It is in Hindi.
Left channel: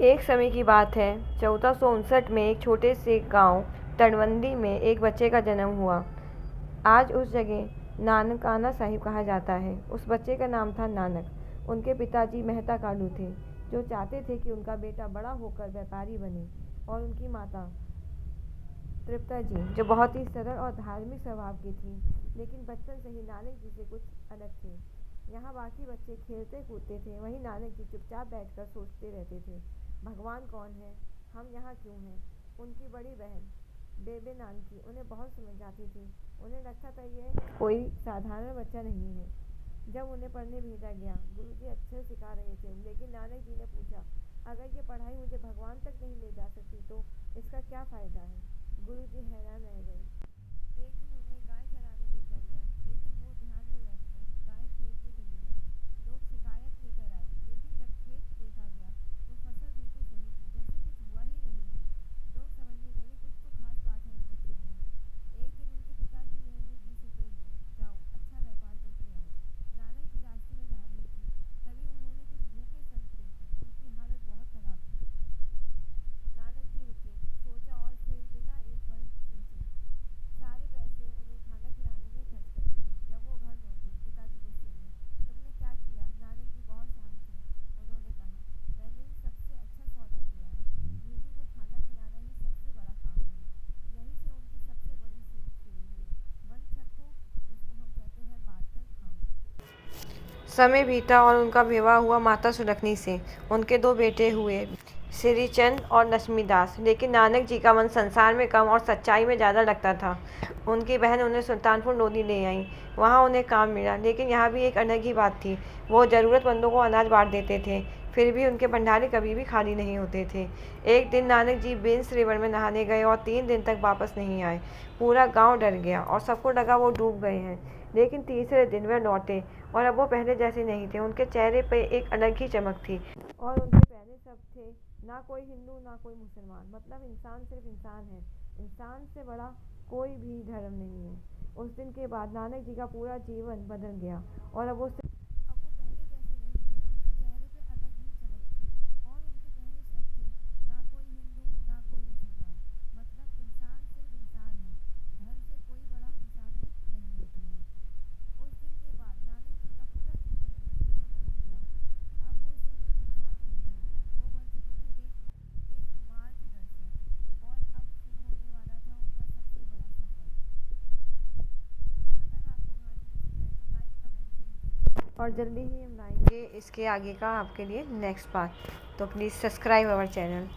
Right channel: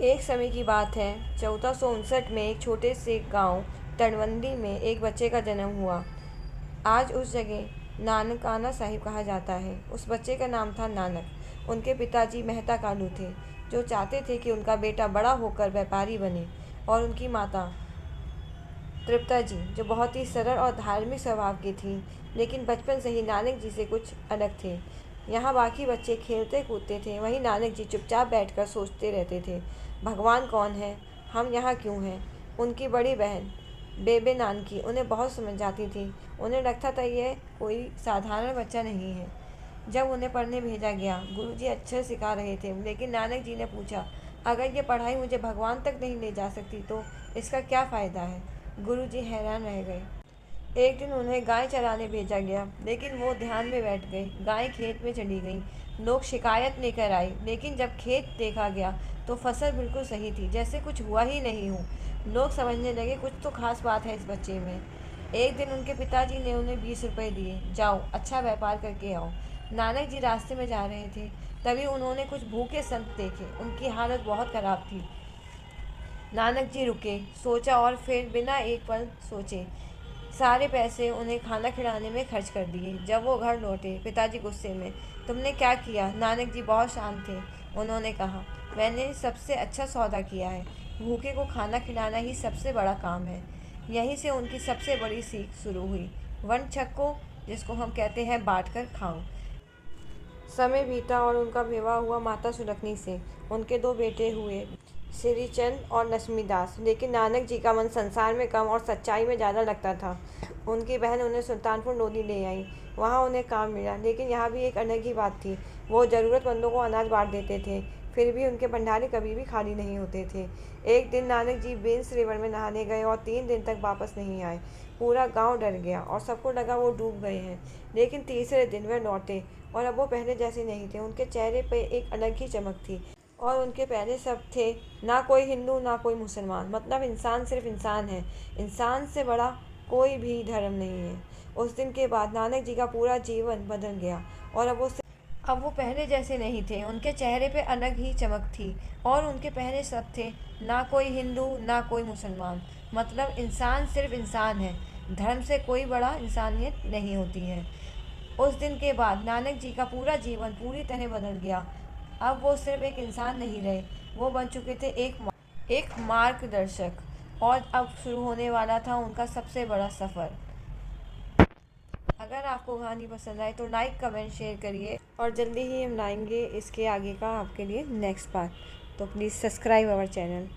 एक समय की बात है, 1459 में एक छोटे से गांव तटबंदी में एक बच्चे का जन्म हुआ। आज उस जगह नानकाना साहिब कहा जाता है। उस बच्चे का नाम था नानक। उनके पिताजी मेहता कालू थे, जो चाहते थे कि उनका बेटा बड़ा होकर व्यापारी बने, और उनकी माता तृप्ता जी, जो बहुत ही सरल और धार्मिक स्वभाव की थी, लेकिन बचपन से ही नानक जी से कुछ अलग थे। यहाँ बाकी बच्चे खेलते कूदते थे, वहीं नानक जी चुपचाप बैठकर सोचते रहते थे, भगवान कौन है, हम यहाँ क्यों हैं। उनकी बड़ी बहन बेबे नानकी उन्हें बहुत समझाती थी। उन्हें लगता था ये कोई साधारण बच्चा नहीं है। जब उन्हें पढ़ने भेजा गया, गुरुजी अक्षर सिखा रहे थे, लेकिन नानक जी ने पूछा, अगर ये पढ़ाई मुझे भगवान तक नहीं ले जा सकती तो इसका क्या फ़ायदा है। गुरुजी हैरान रह गए। एक दिन उन्हें गाय चराने भेजा गया, लेकिन वो ध्यान में बैठ गए। गाय खेत में चली गई। लोग शिकायत लेकर आए, लेकिन जब खेत देखा गया तो फसल बिल्कुल सही थी, जैसे कुछ हुआ ही नहीं हो। लोग समझने लगे कुछ तो खास बात है इस बच्चे में। एक दिन उनके पिताजी ने उन्हें 20 रुपए दिए, जाओ अच्छा व्यापार करके आओ। नानक जी रास्ते में जा रहे थे, तभी उन्होंने कुछ भूखे संत देखे। उनकी हालत बहुत खराब थी। नानक जी रुके, सोचा और फिर बिना एक पल सोचे सारे पैसे उन्हें खाना खिलाने में खर्च कर दिए। जब वो घर लौटे, पिताजी गुस्से में, तुमने क्या किया। नानक जी बहुत शांत थे। उन्होंने कहा, मैंने सबसे अच्छा सौदा किया है। भूखे को खाना खिलाना ही सबसे बड़ा काम है। यहीं से उनकी सबसे बड़ी सीख शुरू हुई, वन छक्को, जिसको हम कहते हैं बांट कर खाओ। समय बीता और उनका विवाह हुआ माता सुलखनी से। उनके दो बेटे हुए, श्रीचंद और लक्ष्मीदास। लेकिन नानक जी का मन संसार में कम और सच्चाई में ज़्यादा लगता था। उनकी बहन उन्हें सुल्तानपुर लोधी ले आई। वहाँ उन्हें काम मिला, लेकिन यहाँ भी एक अलग ही बात थी। वो ज़रूरतमंदों को अनाज बांट देते थे, फिर भी उनके भंडारे कभी भी खाली नहीं होते थे। एक दिन नानक जी बेंस रिवर में नहाने गए और 3 दिन तक वापस नहीं आए। पूरा गांव डर गया और सबको लगा वो डूब गए हैं। लेकिन तीसरे दिन वे लौटे, और अब वो पहले जैसे नहीं थे। उनके चेहरे पे एक अलग ही चमक थी, और उनके पहले सब थे, ना कोई हिंदू ना कोई मुसलमान। मतलब इंसान सिर्फ इंसान है, इंसान से बड़ा कोई भी धर्म नहीं है। उस दिन के बाद नानक जी का पूरा जीवन बदल गया, और अब वो पहले जैसे नहीं थे। उनके चेहरे पे अलग ही चमक थी, और उनके पहले सब थे, ना कोई हिंदू ना कोई मुसलमान। मतलब इंसान सिर्फ इंसान है, धर्म से कोई बड़ा इंसानियत नहीं होती है। उस दिन के बाद नानक जी का पूरा जीवन पूरी तरह बदल गया। अब वो सिर्फ एक इंसान नहीं रहे, वो बन चुके थे एक मार्गदर्शक। और अब शुरू होने वाला था उनका सबसे बड़ा सफ़र। अगर आपको कहानी पसंद आए तो लाइक कमेंट शेयर करिए, और जल्दी ही हम लाएंगे इसके आगे का आपके लिए नेक्स्ट पार्ट। तो प्लीज़ सब्सक्राइब आवर चैनल।